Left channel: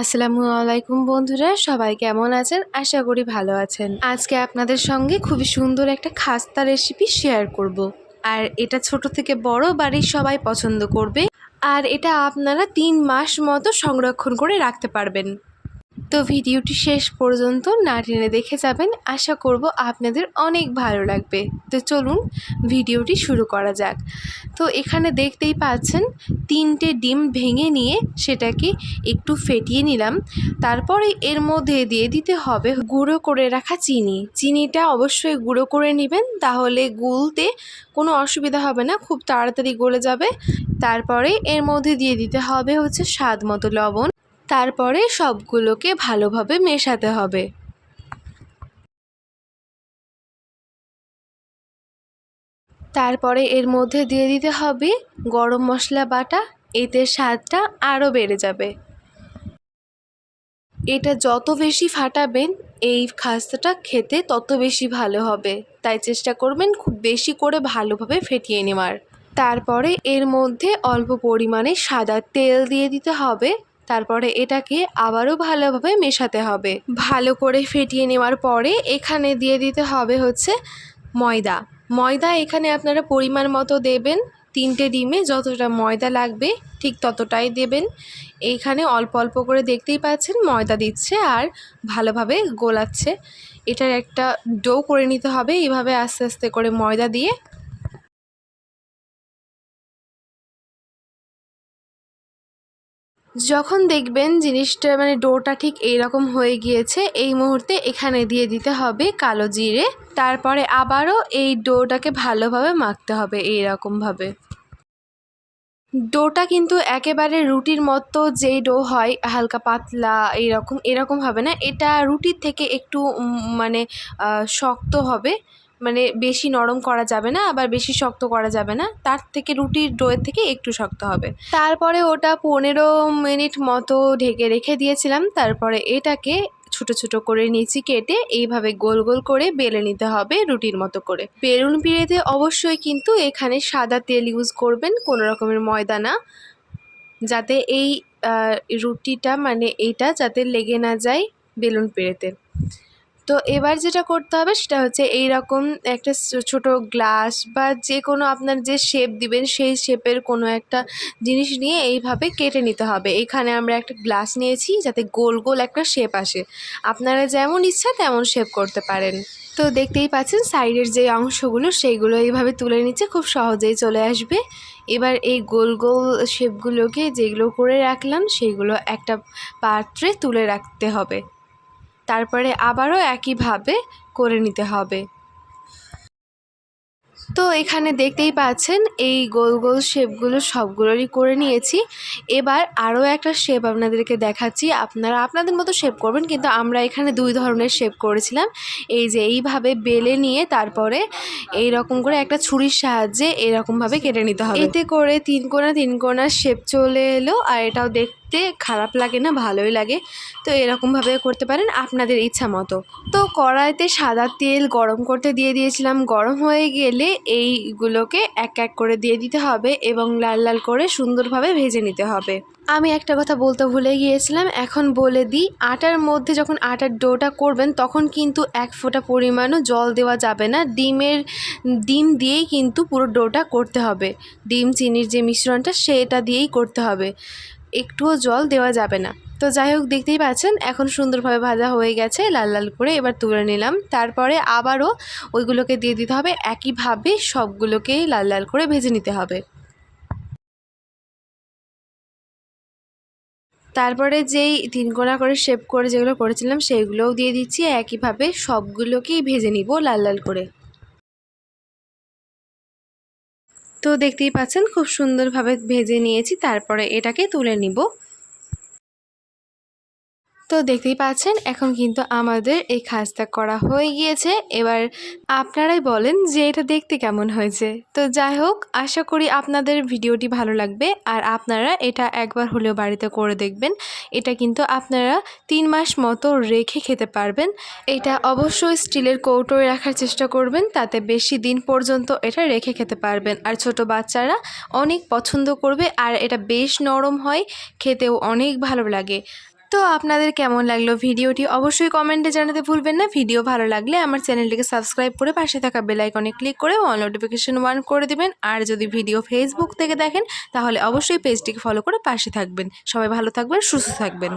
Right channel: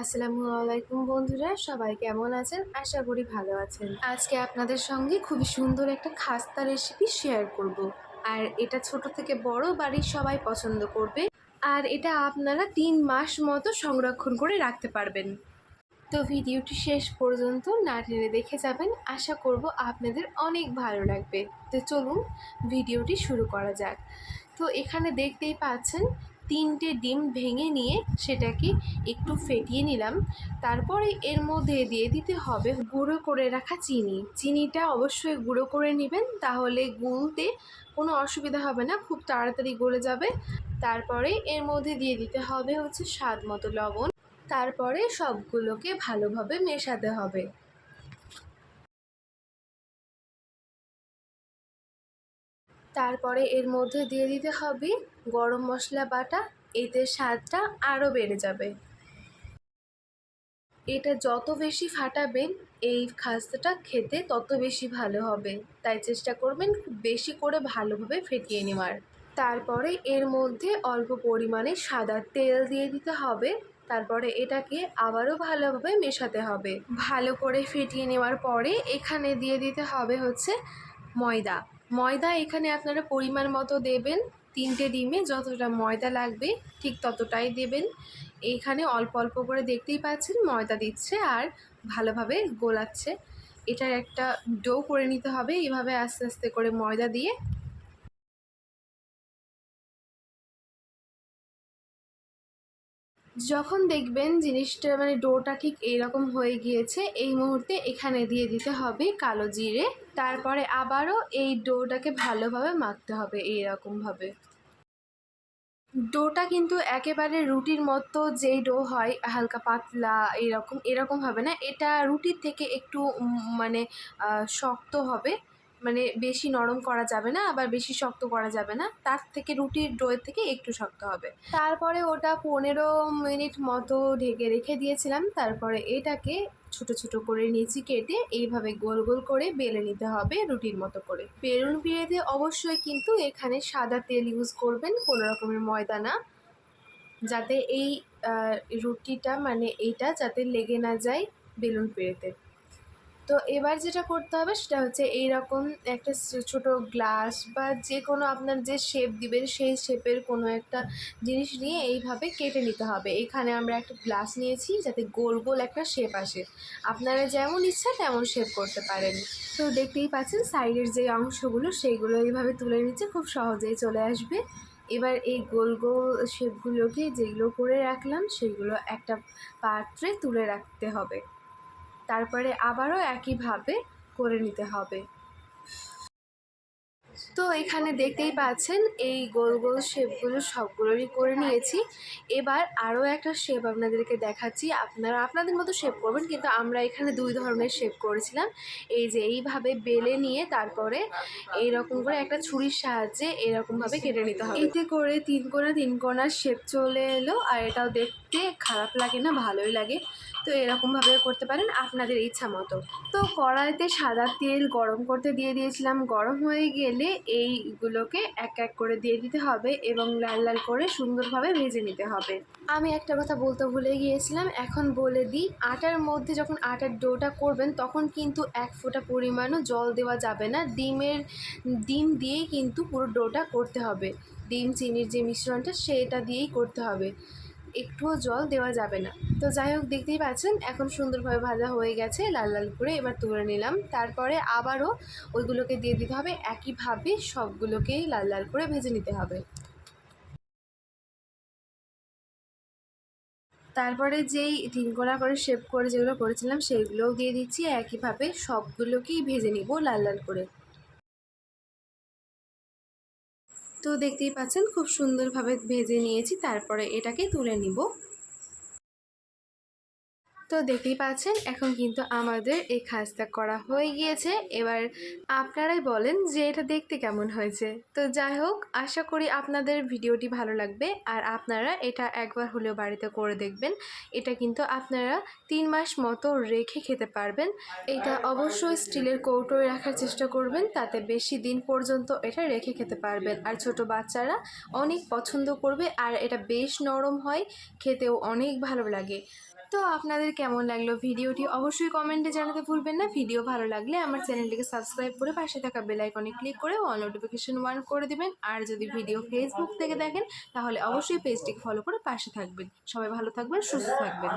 আসসালামু আলাইকুম বন্ধুরা, সবাই কেমন আছেন? আশা করি ভালো আছেন। আজকে আপনাদের সঙ্গে খুবই সুন্দর একটা খাস্তা রেসিপি শেয়ার করব। আর এটা ছোট থেকে বড় বাড়ির সবাই পছন্দ করবে। আর এটা আপনারা 3 মাস মতো সংরক্ষণ করে রাখতে পারবেন। তো ভিডিওটি শেষ পর্যন্ত না টেনে দেখে যাবেন, আশা করব আপনাদের অনেক ভালো লাগবে। তো চলুন ভিডিওটি শুরু করা যাক। তো এখানে দেখতেই পাচ্ছেন 3টে ডিম ভেঙে নিয়ে সেটাকে একটু ফেটিয়ে নিলাম। তারপরে এর মধ্যে দিয়ে দিতে হবে গুঁড়ো করে রাখা চিনি। চিনিটা অবশ্যই গুঁড়ো করে নেবেন, তাহলে গুলতে কোনো অসুবিধা হবে না, খুব তাড়াতাড়ি গলে যাবে। তারপরে এর মধ্যে দিয়ে দিতে হবে স্বাদ মতো লবণ। তারপরে সবগুলোকে ভালোভাবে মেশাতে হবে। তারপরে এর মধ্যে দিয়ে দিতে হবে গরম মশলা বাটা, এতে স্বাদটা আরও বেড়ে যাবে। এটা যত বেশি ফাটাবেন এই খাস্তাটা খেতে তত বেশি ভালো হবে, তাই চেষ্টা করবেন খুব বেশি করে ভালোভাবে ফেটিয়ে নেওয়ার। তারপরে এর মধ্যে অল্প পরিমাণে সাদা তেল দিয়ে দিতে হবে। তারপরে এটাকে আবারও ভালোভাবে মেশাতে হবে। ভালো করে ফেটিয়ে নেওয়ার পরে এখানে দিয়ে দিতে হবে ময়দা। ময়দা এখানে আপনারা পরিমাণ মতো দেবেন। 3টে ডিমে যতটা ময়দা লাগবে ঠিক ততটাই দেবেন। এইখানে অল্প অল্প করে দেখতেই পাচ্ছেন ময়দা দিচ্ছে আর ভালোভাবে গোলাচ্ছে। এটার একটা ডো করে নিতে হবে এইভাবে আস্তে আস্তে করে ময়দা দিয়ে। যখন দেখবেন জিনিসটা ডোটা ঠিক এইরকম হয়ে গিয়েছে, এই মুহূর্তে এখানে দিয়ে দিতে হবে কালো জিরে। তারপরে আবারও এই ডোটাকে ভালোভাবে মাখতে হবে এইরকমভাবে। ডোটা কিন্তু একেবারে রুটির মতো যেই ডো হয় হালকা পাতলা এরকম হবে না। এটা রুটির থেকে একটু শক্ত হবে। বেশি নরম করা যাবে না, আবার বেশি শক্ত করা যাবে না। তার থেকে রুটির ডোয়ের থেকে একটু শক্ত হবে। তারপরে ওটা 15 মিনিট মতো ঢেকে রেখে দিয়েছিলাম। তারপরে এটাকে ছোট ছোট করে নিচে কেটে এইভাবে গোল গোল করে বেলে নিতে হবে রুটির মতো করে। বেলুন পিড়েতে অবশ্যই কিন্তু এখানে সাদা তেল ইউজ করবেন, কোনো রকমের ময়দা না, যাতে এই রুটিটা এইটা যাতে লেগে না যায় বেলুন পিড়েতে। তো এবার যেটা করতে হবে সেটা এই রকম একটা ছোট গ্লাস বা যে কোনো আপনার যে শেপ দিবেন সেই শেপের কোনো একটা জিনিস নিয়ে এইভাবে কেটে নিতে হবে। এখানে আমরা একটা গ্লাস নিয়েছি যাতে গোল গোল একটা শেপ আসে। আপনারা যেমন ইচ্ছা তেমন শেপ করতে পারেন। তো দেখতেই পাচ্ছেন সাইডের যে অংশগুলো সেইগুলো এইভাবে তুলে নিচ্ছে, খুব সহজেই চলে আসবে। এবার এই গোল গোল শেপগুলোকে যেগুলো করে রাখলাম সেইগুলো একটা পাত্রে তুলে রাখতে হবে। তারপরে আবারও একইভাবে করে নিতে হবে। তো এখানে দেখতেই পাচ্ছেন এই গোল গোল শেপগুলো সবগুলোরই করে নিয়েছি। এবার আরও একটা শেপ আপনাদেরকে দেখাচ্ছি, আপনারা আপনাদের মতো শেপ করবেন, কিন্তু আমরা এখানে 2 ধরনের শেপ করেছিলাম। এই যে এইভাবে বেলে নিয়ে তারপরে এই রকম করে একটা ছুরির সাহায্যে এরকমভাবে কেটে নিতে হবে। এতে করে 3 কোণা 3 কোণার শেপ চলে এলো, আর এটাও দেখতে খারাপ লাগে না, ভালোই লাগে। তো এরকমভাবে করতে পারেন আপনাদের ইচ্ছা মতো। তো কড়াইতে সাদা তেল গরম করতে দিয়ে দিয়েছিলাম। গরম হয়ে গেলে এইগুলোকে এক এক করে দিয়ে দিতে হবে এবং লাল লাল করে সুন্দরভাবে ভেজে নিতে হবে। আমি একটা কথা বলতে ভুলে গিয়েছিলাম, এখন বলে দিই। আটার মধ্যে যখন আটার ডোটা করবেন তখন কিন্তু 1 ফোঁটা পরিমাণও জল দেওয়া যাবে না। ডিম দিয়েই কিন্তু পুরো ডোটা করতে হবে। ডিম চিনির যে মিশ্রণটা সেটা দিয়েই করতে হবে, একটুও জল দেওয়া যাবে না। তো যাই হোক, দেখতেই পাচ্ছেন এখন সুন্দরভাবে ভাজা হয়ে গেছে লাল লাল করে। এবার তুলে নিলাম। তারপরে আবারও ওইগুলোকে দিয়ে দিতে হবে, একইভাবে সবগুলোকেই লাল লাল করে ভেজে নিতে হবে। তারপরে যেই 3 কোণা করে শেপ করে যেগুলো করেছিলাম সেইগুলোও দিয়ে দিচ্ছি, একইভাবে সবগুলোকেই ভেজে নিব লাল লাল করে। তো দেখতেই পাচ্ছেন খুব সুন্দরভাবে ভেজে নিয়েছি। তারপরে এটাকে তুলে নিব। তো দেখতেই পাচ্ছেন এখন কিন্তু আমাদের এই খাস্তা করা হয়ে গিয়েছে। এবার আপনারাই বলেন যে এটা দেখতে কেমন হয়েছে। তো যাই হোক, আশা করি আপনাদের ভিডিওটি ভালো লাগবে আর আপনারা এটা একবার হলেও বাড়িতে করে দেখবেন। এটা কিন্তু আপনারা 3 মাস মতো রেখে খেতে পারবেন। এটা অবশ্যই স্টিলের কৌটোয় রাখার চেষ্টা করবেন, তাতে বেশি দিন পর্যন্ত এটা রেখে খেতে পারবেন। আর ছোট বাচ্চারা অনেক পছন্দ করবে, আর এটা বেশ নরম হয়, খেতেও অনেক ভালো লাগে। তো আপনাদের কেমন লাগলো ভিডিওটি অবশ্যই কমেন্টে জানাতে ভুলবেন না। ভিডিও ভালো লাগলে আমার চ্যানেলটিকে সাবস্ক্রাইব করে পাশে থাকা বেল আইকনে ক্লিক করে অল নোটিফিকেশন অন করে দিবেন। আর যদি ভিডিও ফেসবুক থেকে দেখেন তাহলে অবশ্যই পেজটিকে ফলো করে পাশে থাকবেন। সবাই ভালো থাকবেন, সুস্থ থাকবেন।